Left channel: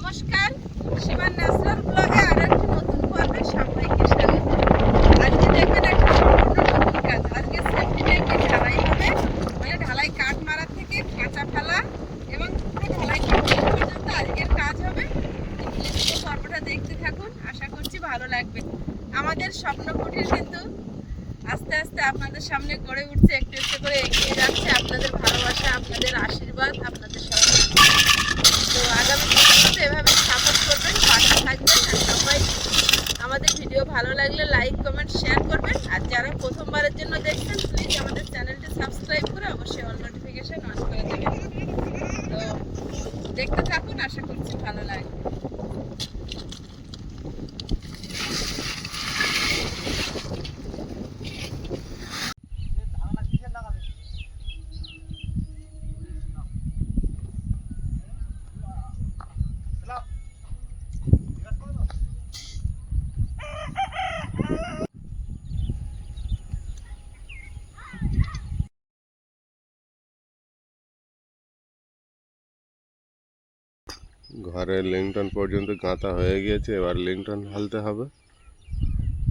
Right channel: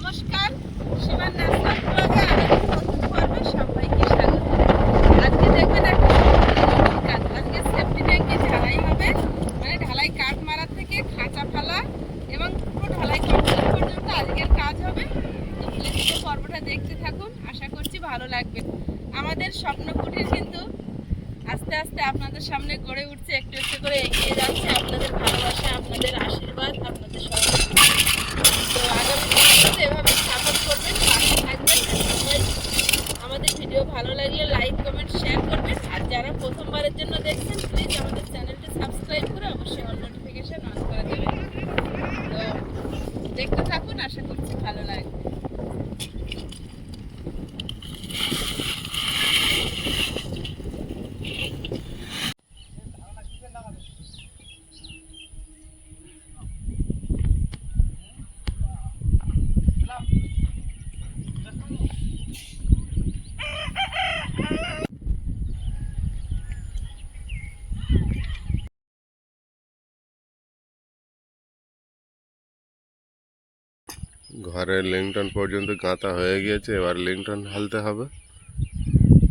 নমস্কার, সীমার ন্যাশনাল ব্লগে আর একটা নতুন পর্বে সবাইকে স্বাগত। আজকে দেখবেন একটা নতুন কাজ। আজকে সেফটি ট্যাঙ্কি ঢালাই হবে, মানে ঢালাই কাঠ মারা থেকে খাঁচা ফেলা এবং পুরো ঢালাই কমপ্লিট পর্যন্ত আজকের কাজ হবে। তো প্লিজ পুরো পর্বটা দেখতে থাকুন, আশা করছি ভালো লাগবে। আমাদের স্বপ্ন কুটির কিন্তু আস্তে আস্তে আপনাদের সামনে গড়ে উঠছে, একটু একটু করে এগিয়ে যাচ্ছে। আপনাদের ভালোবাসা, আপনাদের আশীর্বাদ, আপনাদের সহযোগিতা। তো আগামী দিনগুলোতে এভাবে সাপোর্ট করবেন, পাশে থাকবেন। আর সবাই আমাদের ভিডিও ভালো লাগলে লাইক কমেন্ট শেয়ার করবেন। আর যারা প্রথমবারের জন্য দেখছেন প্লিজ আমাদের চ্যানেলটি সাবস্ক্রাইব করে অবশ্যই অল নোটিফিকেশন অন করে দেবেন। তো দেখতে থাকুন, আশা করছি ভালো লাগবে। ঘরের লিংটন পর্যন্ত গাঁথা হয়ে গিয়েছে, এবার লিংটন ঢালতে হবে।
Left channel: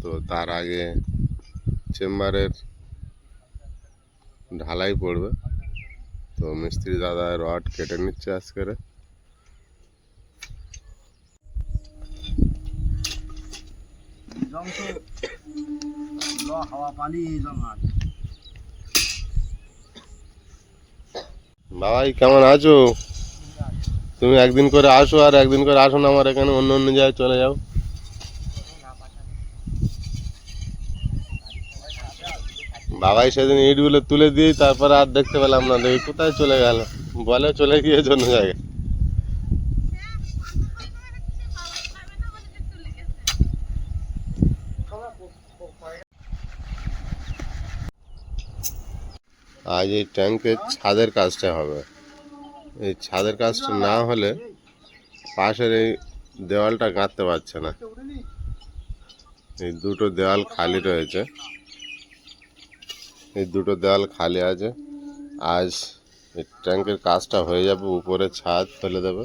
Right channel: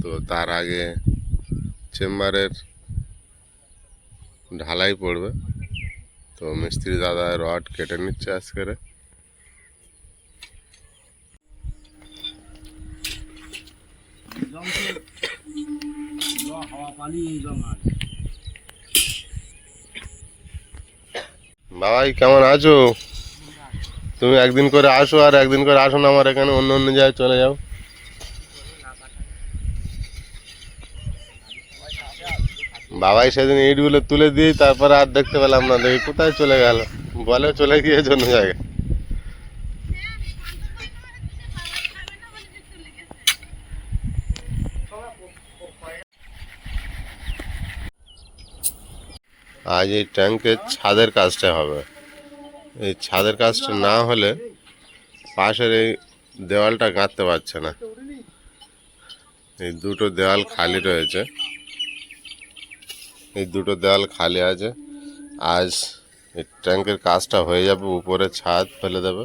তো তার আগে চেম্বারের ঢালাই পড়বে। তো মিস্ত্রি দাদা রড কেটে নিচ্ছে আজকের। বাবাই কেমন আছো? তুমি একদিন করে আসো আর একদিন করে আসো না, আমার এখানে অন্য অন্য জায়গায় চলে যাও। বাবাই সেদিন ইটগুলো তুলে দিই, তারপরে আর দেখতে পেলাম না, দেখি কোথায় চলে গেল। বলে চলে গিয়েছে অন্য জায়গায়। আজ এই ট্যাঙ্কের ছাদের কাজটা হবে। এই ছাদের কাজটা না হলে পাশের এই দেওয়ালটা গাঁথতে পারছে না। এই দুটো দেওয়াল খালি রয়েছে, এই দুটো দেওয়াল খালি আছে। আজ এই ট্যাঙ্কের কাজটা হয়ে যাবে, উপরে ছাদ ফেলে দেবে।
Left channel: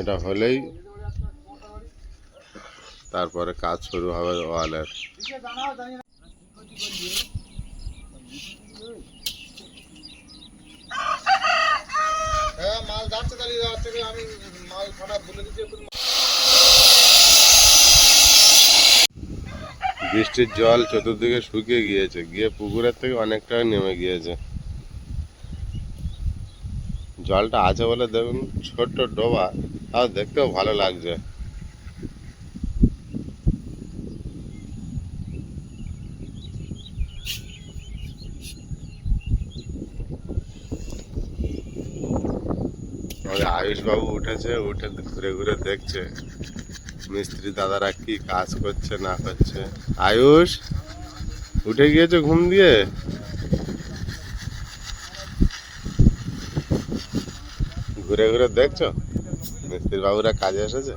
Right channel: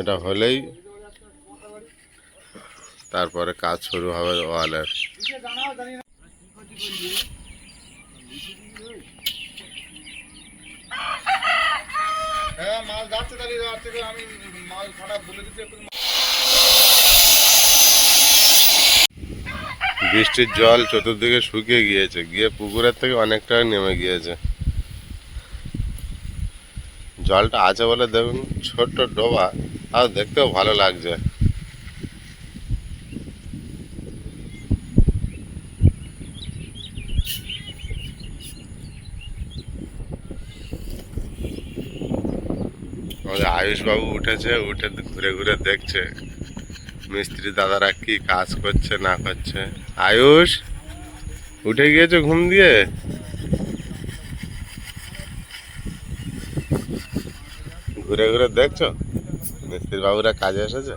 এটা হলেই তারপরে কাজ শুরু হবে ওয়ালের। বৃষ্টির জল চতুর্দিকে শুকিয়ে গিয়েছে, গিয়ে পুকুরের থেকে অনেকটা নেমে গিয়েছে। জলটা আছে বলে দেখুন ছোট্ট ডোবা, তাও দেখতেও ভালো লাগছে। আমাদের আয়ুষ বাবু উঠেছে, উঠে ঘুরে ঘুরে দেখছে মিস্ত্রি দাদারা কি কাজ করছে না করছে। আয়ুষ উঠে গিয়েছে ঘুম দিয়ে? ঘুরে ঘুরে দেখছো মিস্ত্রি বাবুরা কাজে এসেছে।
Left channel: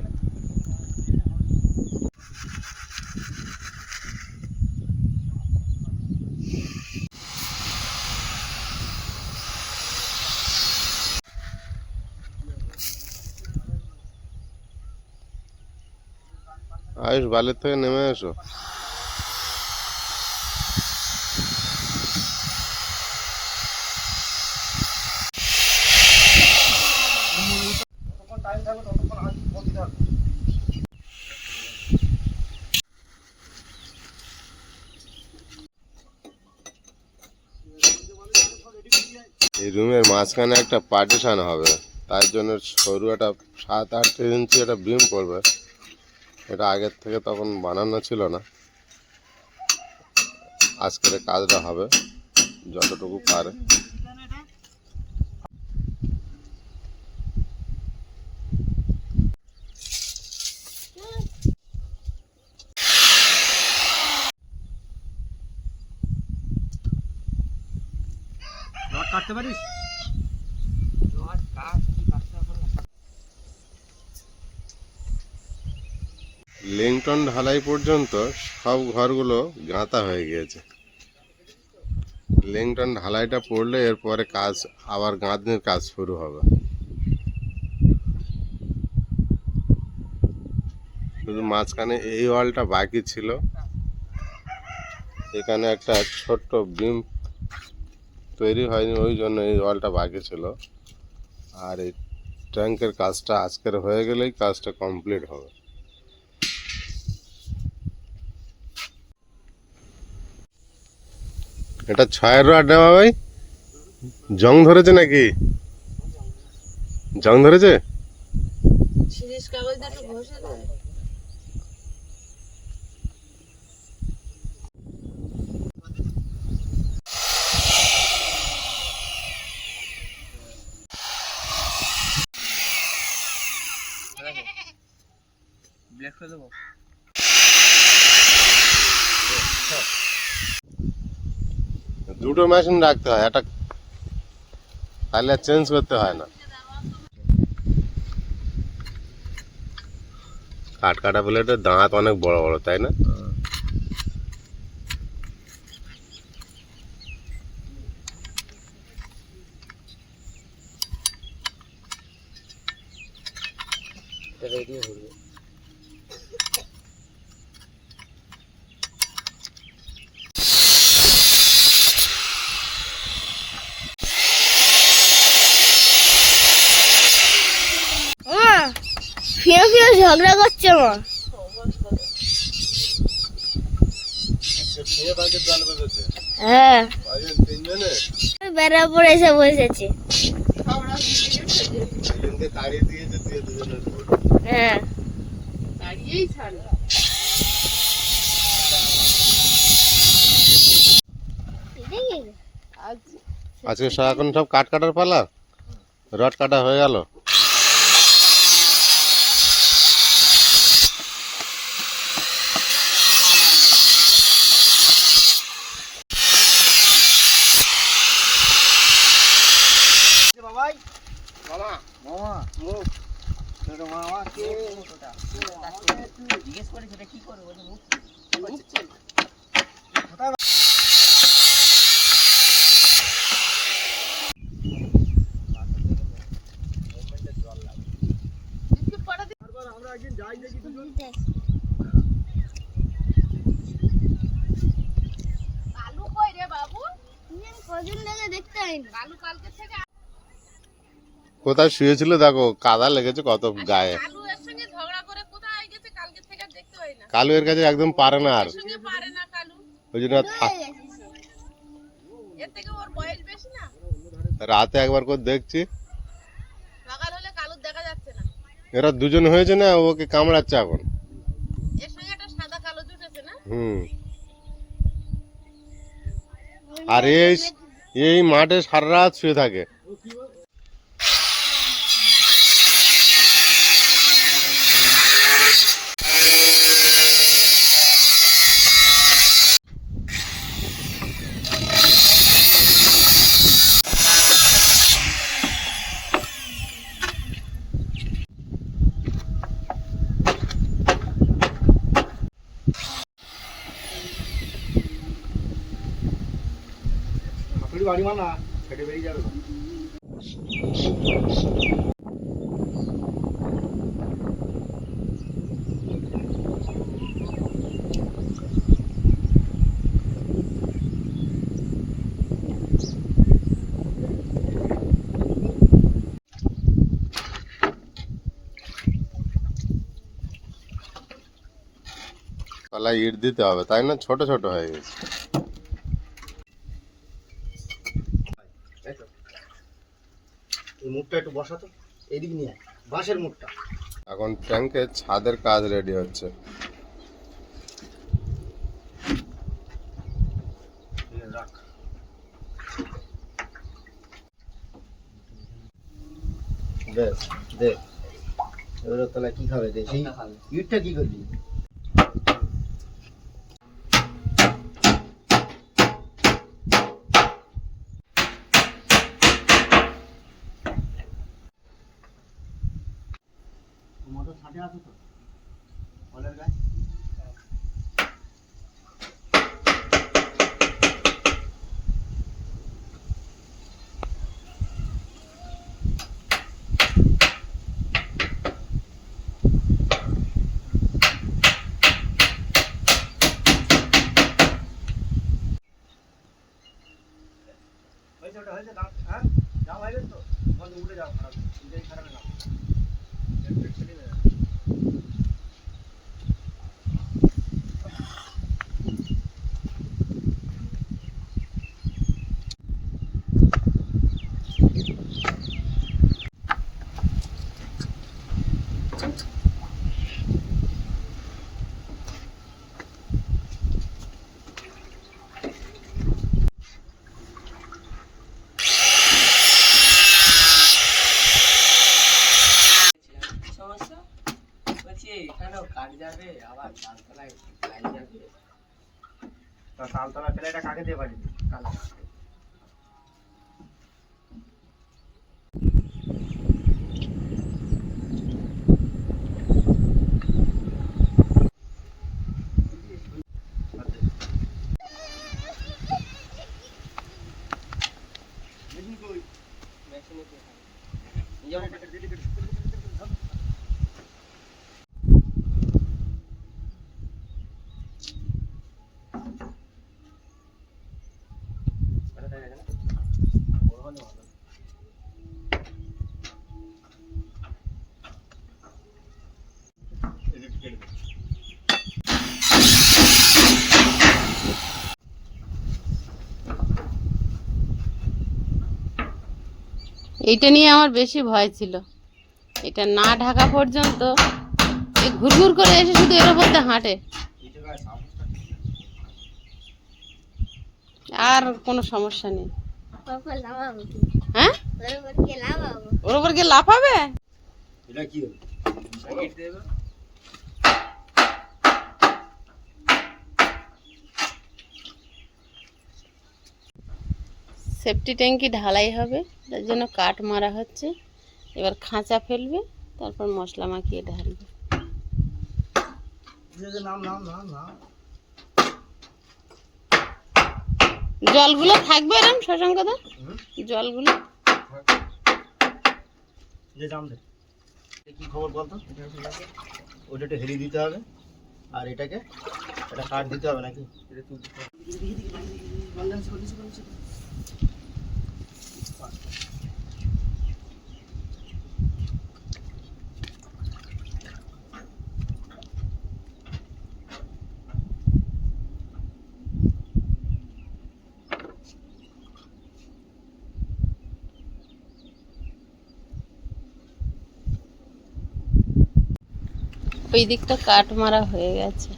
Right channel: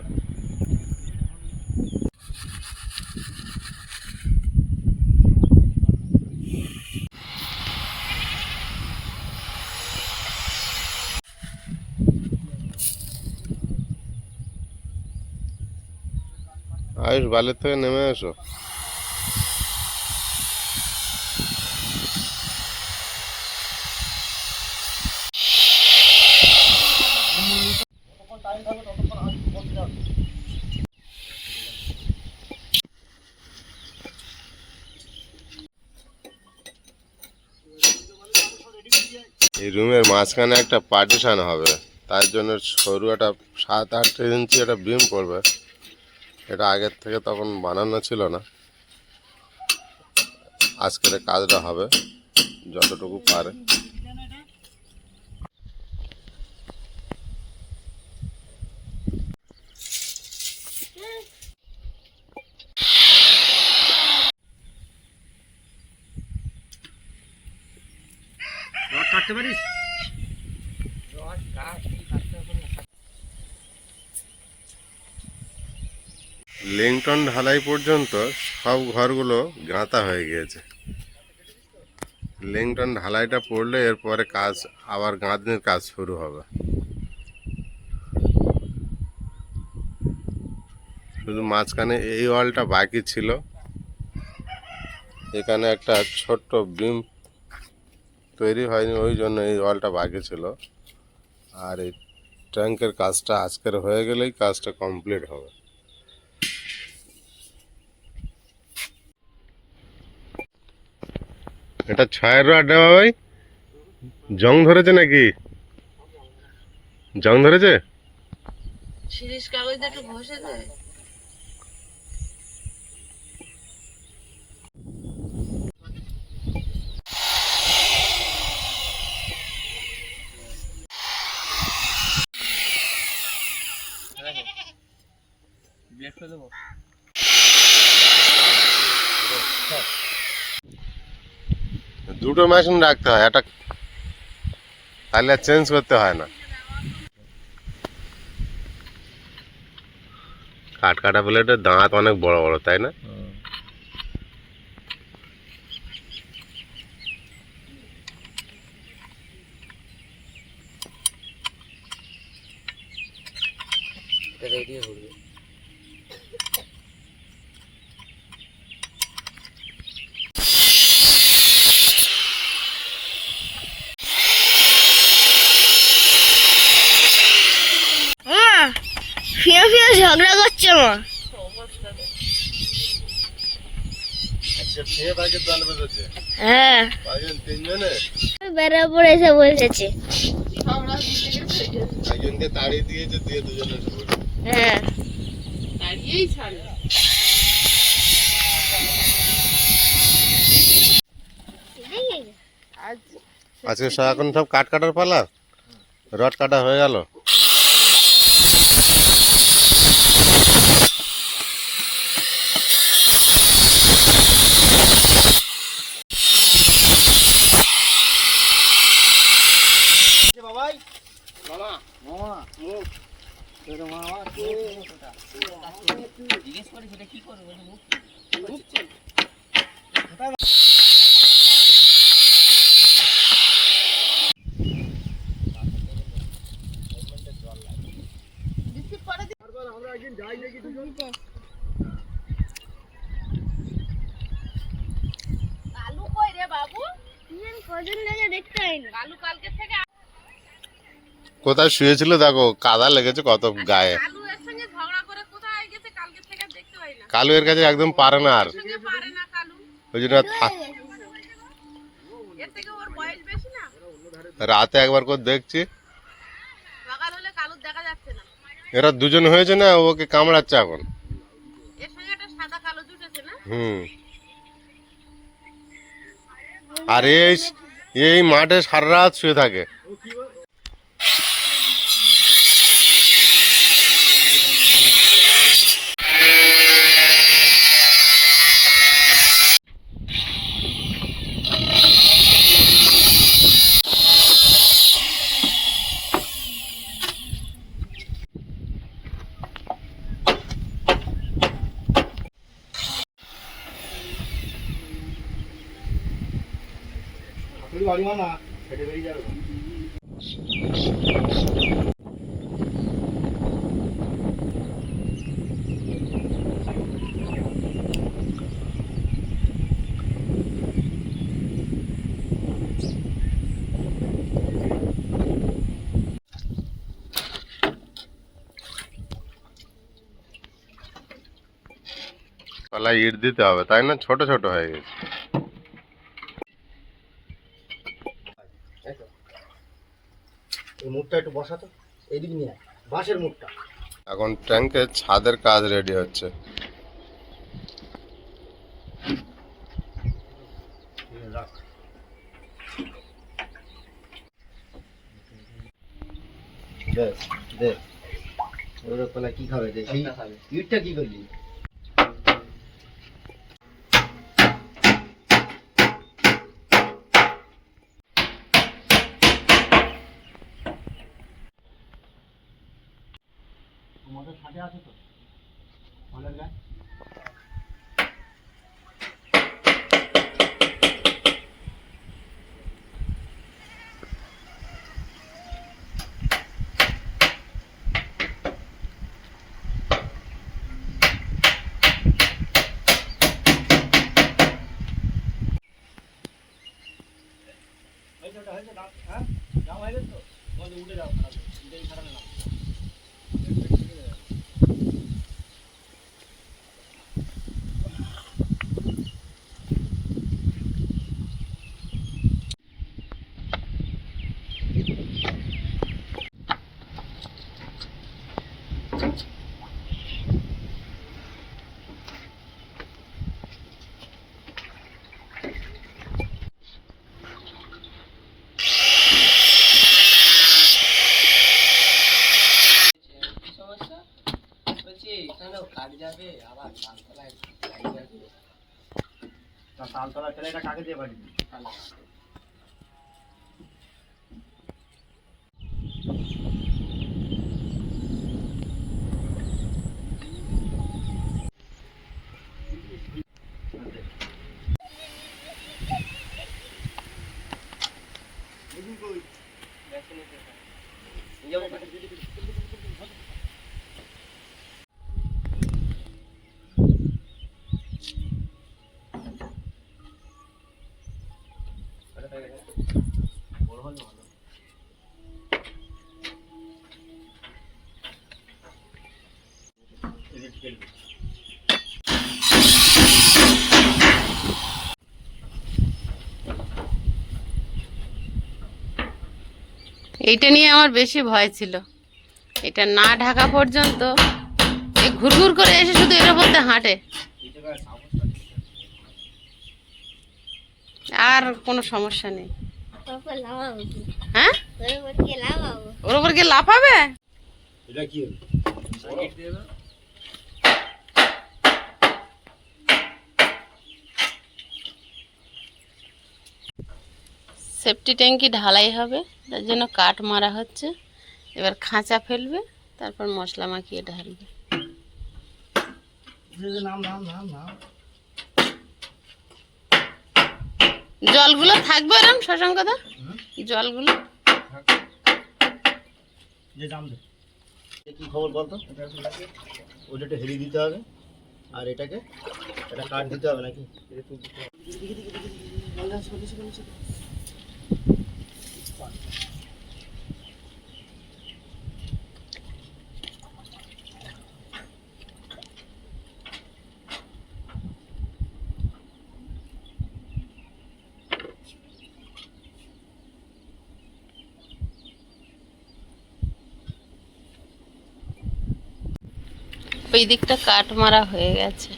আয়ুষ বালের থেকে নেমে এসো। এই রুমের মাঝখানে একটা পার্টিশন হবে, তার জন্য সরু একটা 7-8 ইঞ্চি একটা বিম পড়বে। এটা আগের থেকে তখন বানানো ছিল না। আজকের কাজটা হবে যতটুকু পারে। কাটতে পারিস? লিংটন ঢালাই পর্যন্ত সব ঘরগুলো গাঁথা হয়ে গিয়েছে। লিংটন ঢালাইটা পড়লে এরপরে কাজ আবার গাঁথনির কাজ শুরু হবে। শুধু মাঝখানে এই ওয়ালটা বাকি ছিল। এখানে একটা ছোট্ট বিম তৈরি হয়নি, ওই জন্য এই ওয়ালটা বাকি ছিল। আর এই ট্যাঙ্কের কাজটা আজকের হয়ে গেলেই কাজটা কমপ্লিট হবে। এটা 6 রড দেওয়া ভাই, জং ধরেছে নাকি? জং ধরেছে? শিরিষ কাগজ একটু ঘষে দেয়। দুটো মেশিন রাখতে হয়, একটা তাহলে চেঞ্জ করতে হয় না। কাঠ কাটা প্লেটের দাঁত অনেক বড় বড়, তাই না? ফিরে ফিরে ঝগড়া করছে মা। হ্যাঁ, বেড়ার পর এসে বসেছে। হ্যাঁ, দাঁড়িয়েই ছাড়ে। আজকে এখন সব কাঠ কাটার পালা, রড কাটা হয়ে গেল। বাবাই, মামা, মামা, মুখ, তোর মামা কে? জিজ্ঞেস করে সেটা কি করে বলে মুখ চল। আমরা একদিন যাই দেখি দুজন। কালু কই রে বাবু? কদিন থেকে দেখতে হয়নি। কালু কালকে থেকে কোথায় শুয়েছিল দেখো, কাদা লেগেছে কত গায়ে। কালু এর সঙ্গে ঝগড়া করে কোথায় গেছে কালকে থেকে দেখতে পাই না। কালু এর কাছে একদম পারে না, আর সঙ্গে পারে না কালু। ওই জন্য এর থেকে ওর বয়স বেশি না। রাতে একবার করে দেখছি, সকাল হলে কালুর দেখা যাচ্ছে না। এরা দুজন হয়েছে না, ওকে কামড়াচ্ছে এখন। এর সঙ্গে একটা সাদা কালো জুটেছে না। আর এই মাঠে সারা রাত শুয়ে থাকে। বাড়ি মানা হেঁটে বেরিয়ে যাবে। তলায় ইট দিতে হবে, তাই না? ছোট ছোট হয়ে গেছে। এই মুখটা একটু বসাতো, এদিকে নিয়ে আয়, বাঁশের মুখটা। এখন ট্যাঙ্কের ছাদের কাজ রেডি হচ্ছে। রাখ। দেখ দেখ, এবার তলায় কি খাবে? দেখ এই ইটটা কি করলি? তোমাদের ছাদে আছে তো ফলের গাছ? সমস্যা বলছি এখানেও কাট যাবে আবার তালতলায় লাইন যাবে তা তালতলা ফেলে এটা কাকে দিয়ে পারি? এইটা নিয়ে আমার বেশি ভয় ছিল, এটা না ঢাকা পর্যন্ত ঘুরঘুর করে এসে শুধু এর উপর দিয়ে হাঁটে, আর কোনো সমস্যা নেই। হ্যাঁ, ওর উপর গিয়ে লাফাবে। এটা কি হলো? সেফটি ট্যাঙ্কি ঢালাই হবে, তার জন্য কাঠ মারা হচ্ছে। এবার খাঁচা ফেলবে, তারপর মশলা মাখিয়ে ঢালবে। নাম নাম নাম নাম জলগুলো থাকবে এরকম শশাঙ্কদা, জলগুলো যে দাম দে। কি খবর বলতো? ওটা একটু হেলি দিতে হবে, আর এটাকে এটা কাট দিতে হবে নাকি? ওই দিকটা কাঠ মারা হয়ে গেছে।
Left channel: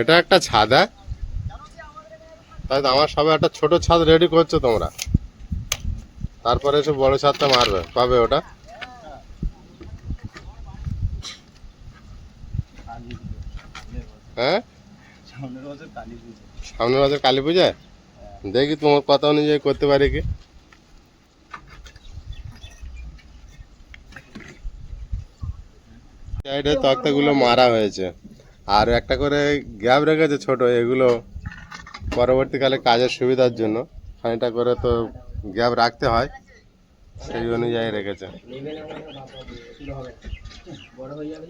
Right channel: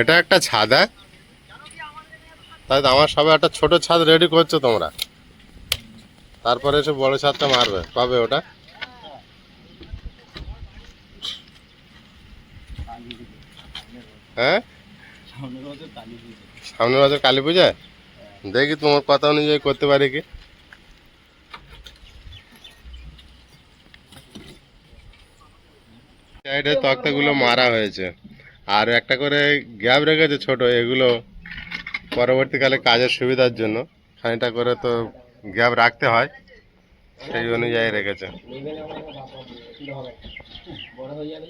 এটা একটা ছাদ, তাই তো আমার সবে একটা ছোট ছাদ রেডি করছো তোমরা, তারপরে এসে বড় ছাদটা মারবে, পাবে ওটা। হ্যাঁ, সামনের বছর কালী পূজায় দেখি তোমার কথা অনুযায়ী করতে পারি কি। সাইডে তক্তাগুলো মারা হয়েছে, আর একটা করে গ্যাপ রেখেছে ছোট, এগুলো পরবর্তীকালে কাজের সুবিধার জন্য খানিকটা করে তো গ্যাপ রাখতে হয়, সেই অনুযায়ী রেখেছে। বড় হয়ে যাবে।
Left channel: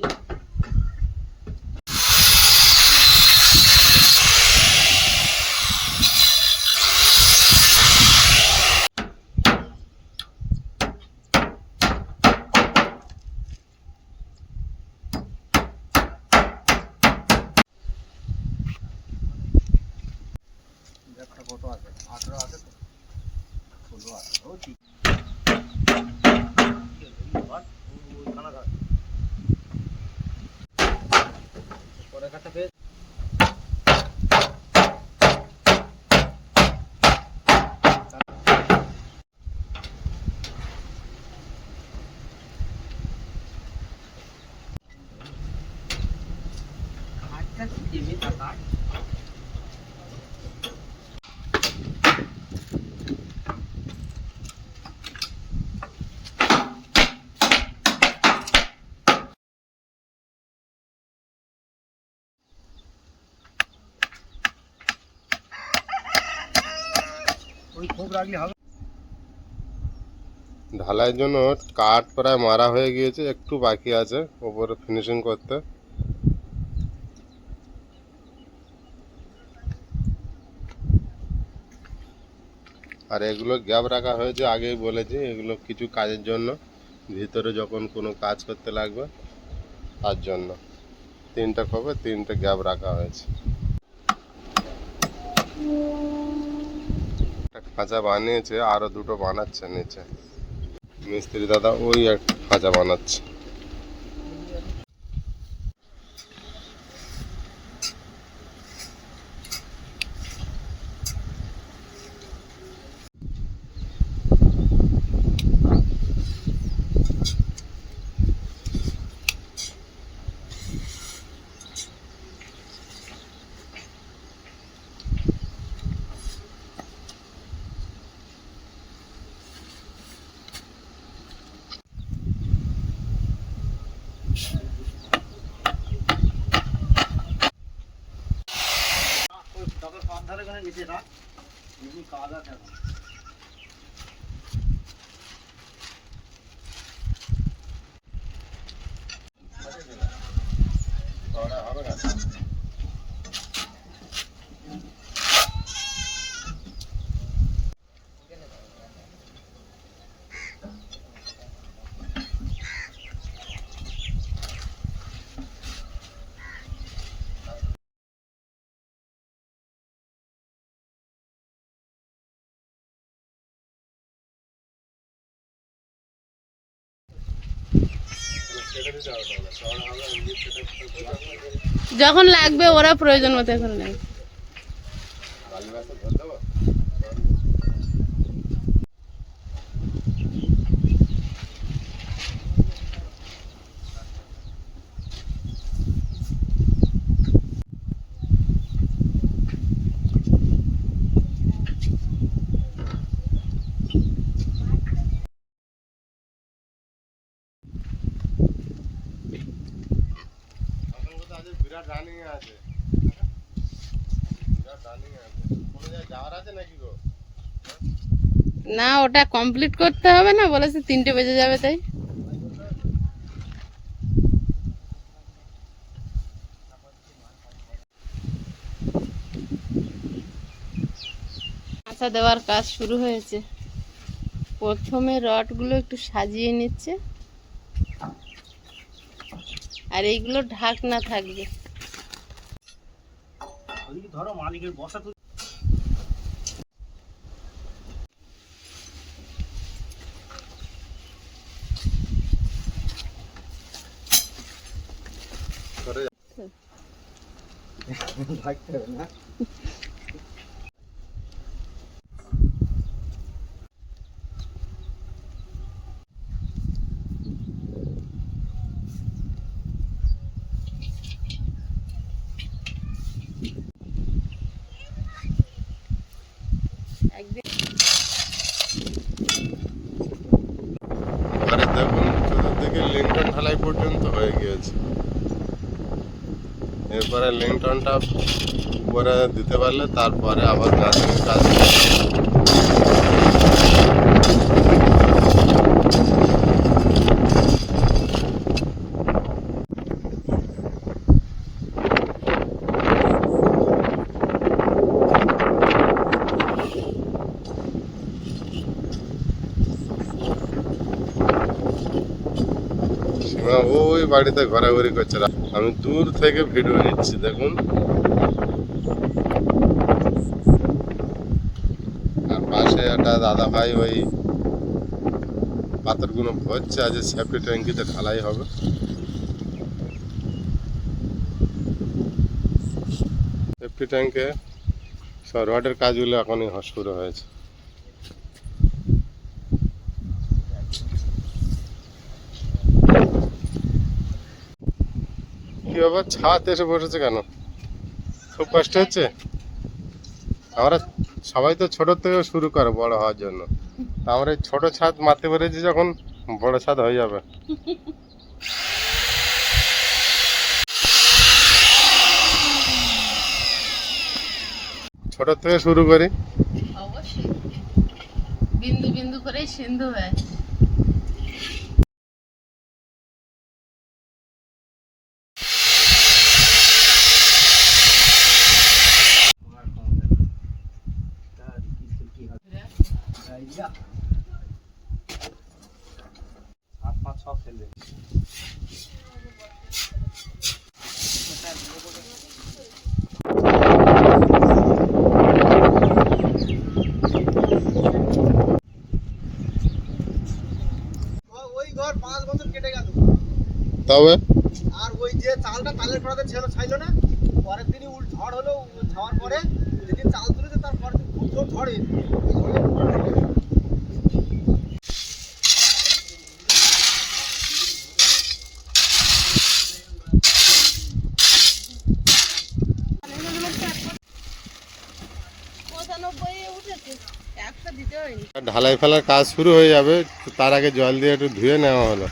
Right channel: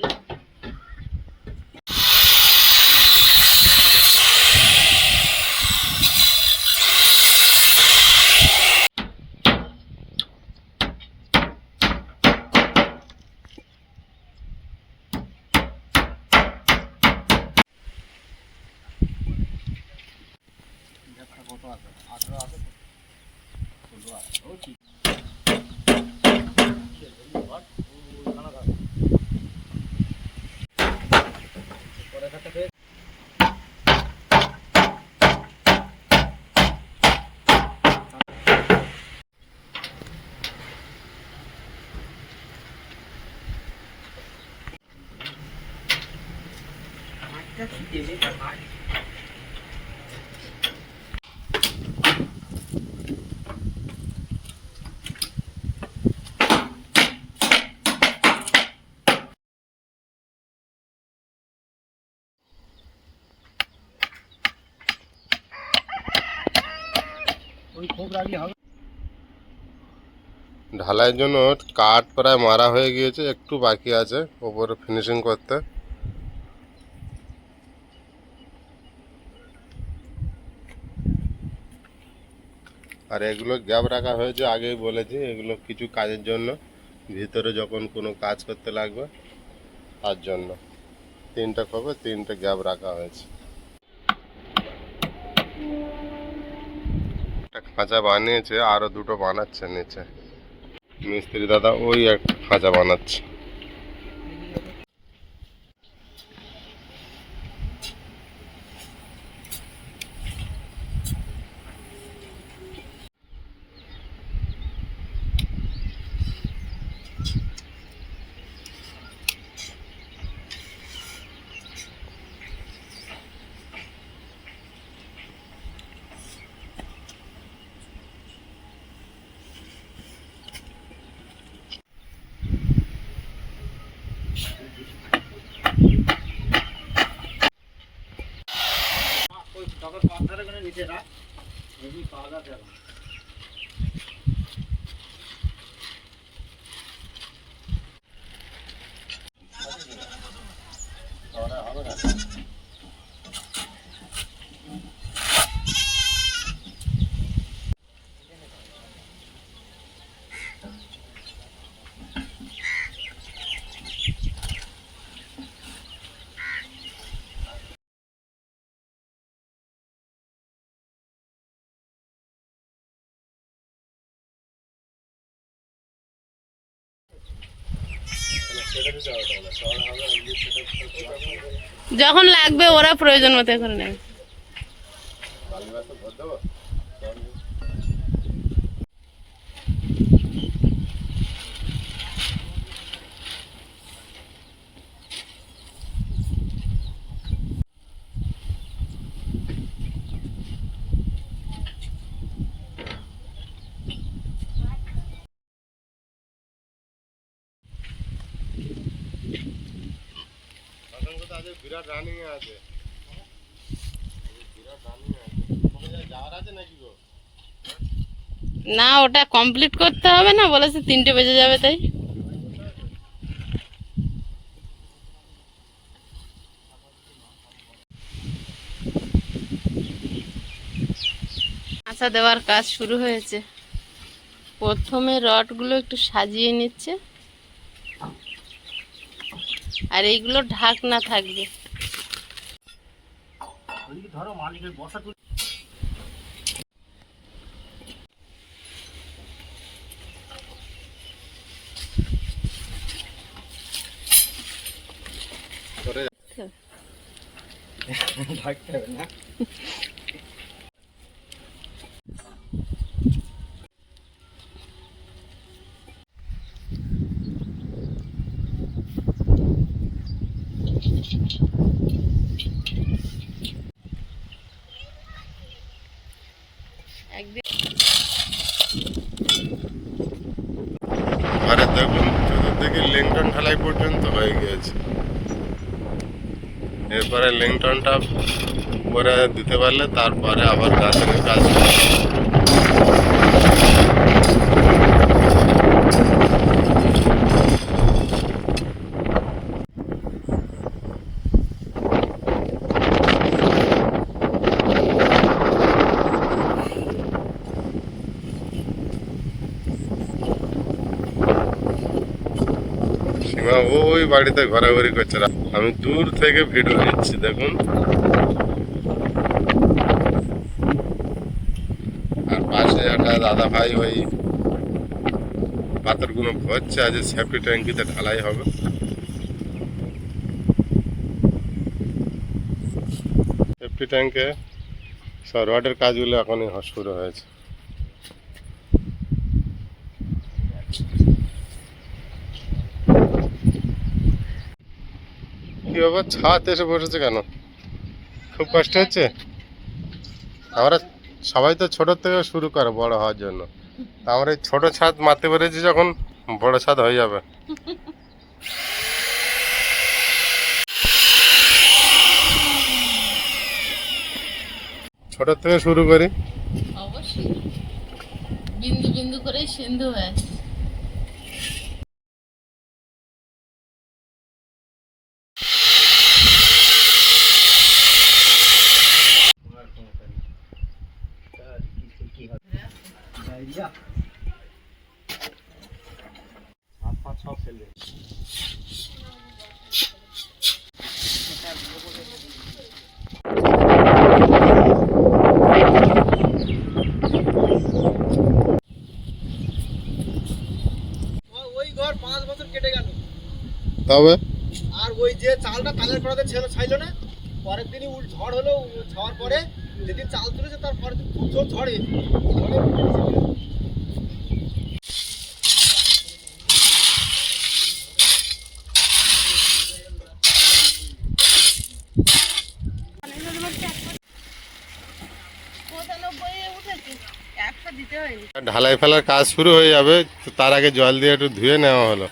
কত আছে? 18 আছে তো? 16 আছে। ও ঠিক। পরে কাটতে পেয়ে ওই খুব রাগলে হবে। ঢালাইয়ের জন্য কাঠ প্রায় মারা হয়ে গিয়েছে, একটু বাকি আছে ওপরে ফিনিশিং করতে। আর এগুলো গ্যাপ রাখা হয়েছে, আগেই বলেছি এগুলো কিছু কাজের জন্য, ভিতরে যখন কোনো কাজ করতে লাগবে তার জন্য। 3টে খোপে 3টে গ্যাপ রাখা হয়েছে। একটা খাঁচা বানিয়েছে, আরো 2টো বানাচ্ছে নিচে মিস্ত্রি দাদা, ওই একটা খাঁচা বানাচ্ছে। নিচে রাখ, এমনি কাজ আছে এখন। যখন লাগবে ওরা প্রয়োজন মতো করে নেবে। বিরাট রানিং আছে, বিরাট রানিং আছে। কোনো জায়গায় যাওয়ার আছে নাকি গো? না, ওটা কমপ্লিট করতে হবে না, বলেছে 3টে বেজে যাবে তাই। আচ্ছা, দেওয়ার কাজ শুরু হয়েছে। প্রথমে রডগুলো একটু সাজিয়ে নিচ্ছে, আর এইগুলো ঢাকনা থাকবে। ওইদিকে ধরো, মালিকের বসা তুলে। ঢাকতে হবে না। একদিন আরে দেখুন, চতুর্দিকে লিংটন ঢালাই পর্যন্ত হয়ে গিয়েছে। এরপরে লিংটনটা উপরে দিতে পারলে তারপরে আবার গাঁথনির কাজ করবে। সীমা ওই বাড়িতে ঘোরাঘুরি করছে, আমি দূর থেকে ভিডিও নিচ্ছি দেখুন। আর পাশে একটা দাদা ভাই ওই পাথরগুলো ভরছে, আজ সেফটি ট্যাঙ্কিতে ঢালাই হবে। সেফটি ট্যাঙ্কে সব রডের কাজগুলো এখনই শুরু হয়েছে। কি বাবা, ছাদ এসে বসেছে কেন? খুব কষ্ট হচ্ছে? আমরা সবাই তো ছোট থেকে শুরু করে বড় হওয়ার জন্য, আমরা এই ছোট ছাদ মারতে পেরেছি, যখন বড় ছাদ হয়ে যাবে। ছোট থেকে শুরু করি, অবশ্যই বিন্দু বিন্দু করে সিন্ধু হয়। হাত পা সব ফেলবে। ওই ঘর 5 বছর কেটে গেল, তবে আর ওই যে চালটা তালের কড়াতে ছিল ছাইল না, পরের দিনই ঝড় হলো, ছাওয়ার পরে যেদিন চাল তুলেছে তার পরের দিন খুব জোর ঝড়ে ঢালাই ফেলার কাজ শুরু হয়ে যাবে, তো তার আগে জল দিয়ে একটু ধুয়ে নেওয়া হলো।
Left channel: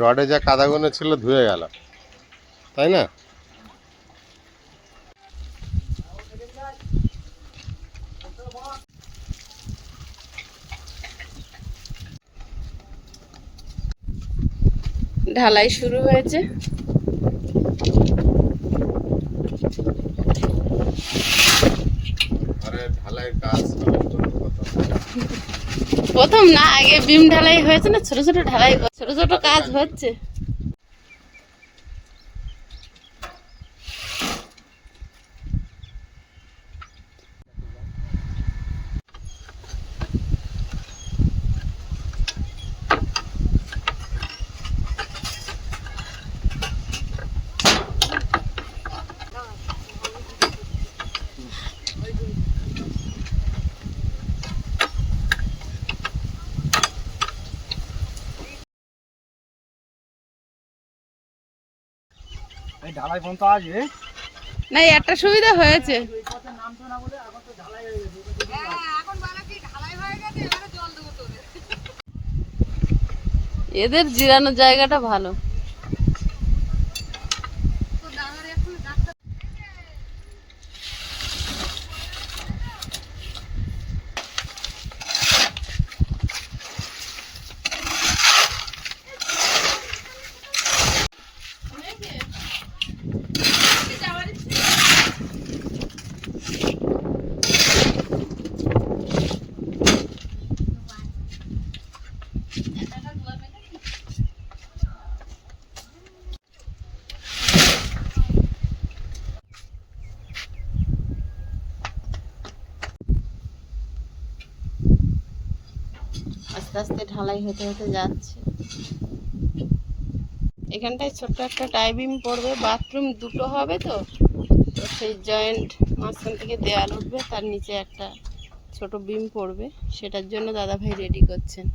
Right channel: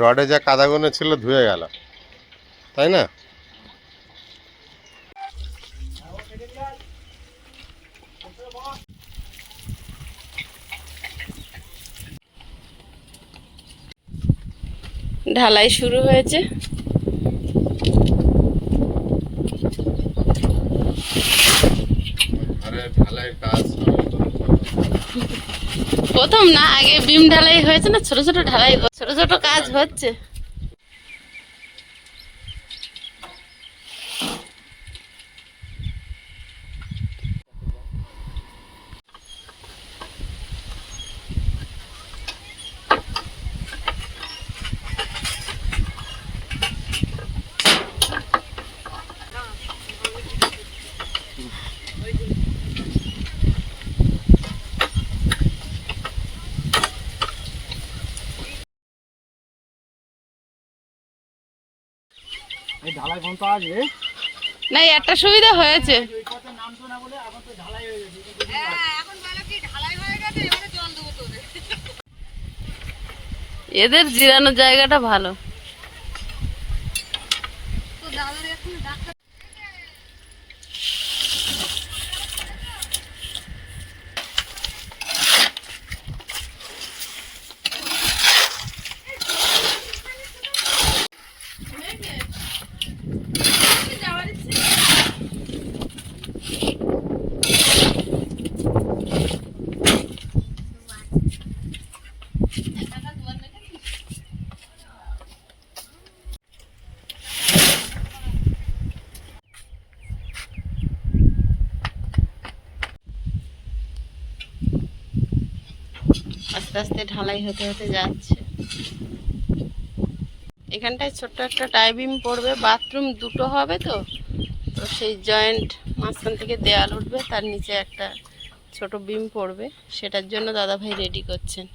রডে যা কাদাগুলো ছিল ধুয়ে গেল, তাই না? ঢালাই শুরু হয়েছে। প্রথম না, আগে বিম ঢালাই হয়েছে না, ছোট ছোট ঢালাই, ছোট ছোট কাজ হচ্ছে। এই ঢালাই ফোন তো আসবে না, একটা সুবিধা হয়েছে, নামতো না বলে এখন তো ঢালাই হয়ে গেছে। এদের জিরানোর জায়গাটা ভালো। আস্তে আস্তে ঢালাই হতে হতে যাচ্ছে। এখানটায় ছোট্ট একটা টাই বিম পড়বে, বাথরুম দুটো হবে, তো তো সেই জয়েন্ট মাঝখান থেকে দেয়াল উঠবে, তার নিচে একটা ছোট বিম পড়বে, সেটার জন্য দাদাভাই রেডি করছেন।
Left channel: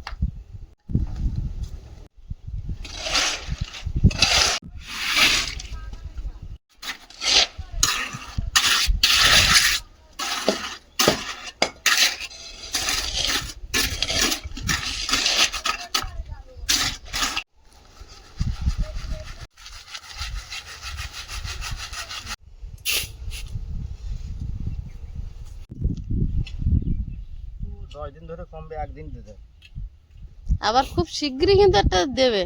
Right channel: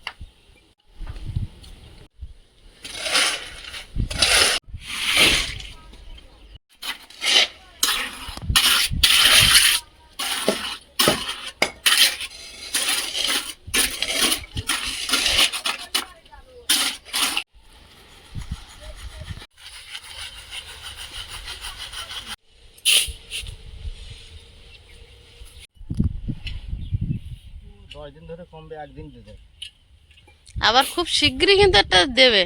দিন ধরে কমবে, একদিন দিতে আবার খুব শীঘ্রই কিন্তু একটা দেবে।